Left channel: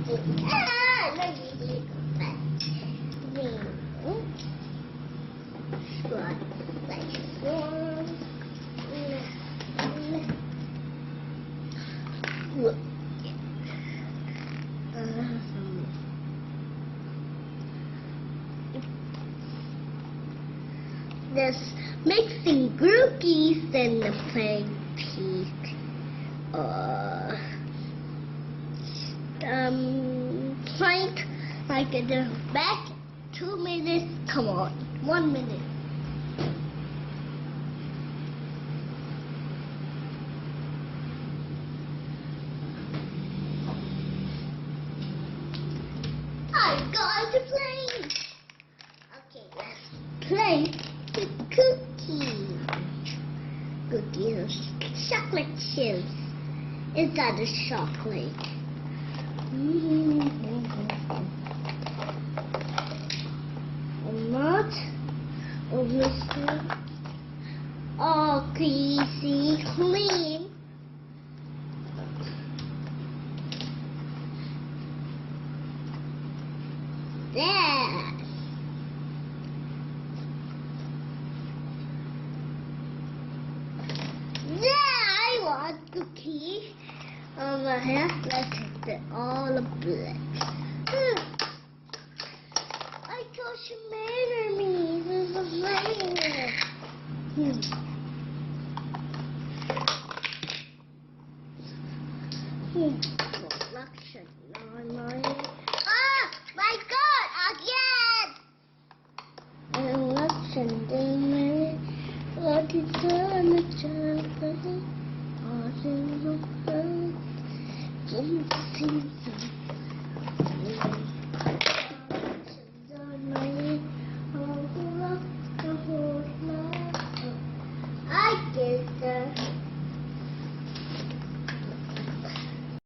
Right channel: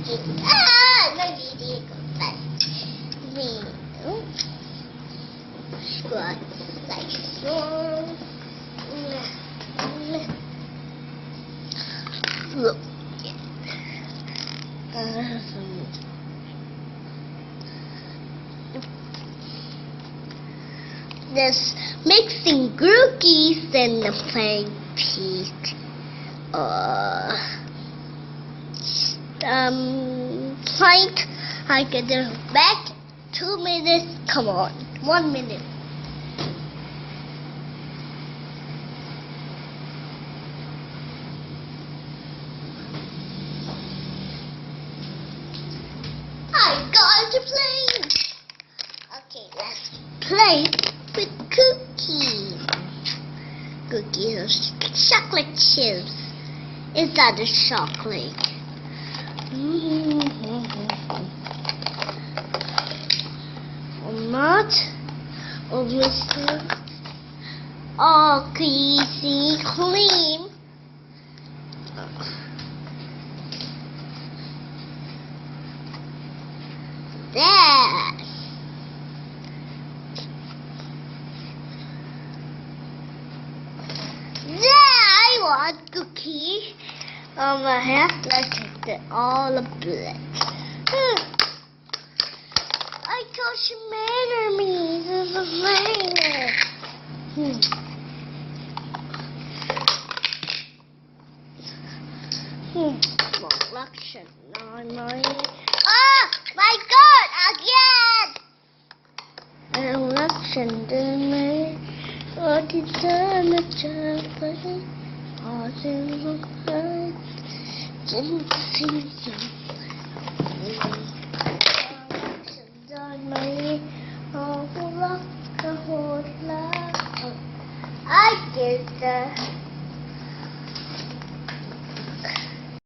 ไม่ดีดีกว่าแบบนี่กว่าใส่ช่วงlook there's mixing cookies and the playing peak plank I get the back 2 minutes come on 1 minute I got to play okay let's play with cookies cookies are chocolate chips is that a chocolate or not or Mr. Oh greasy cream there I want cookie on my hair like that all the blood. I got some enemies as a finger. Reflection on my oh my god again! Reflection in my what is done a child all in the blood didn't see on my oh look the whole life I did that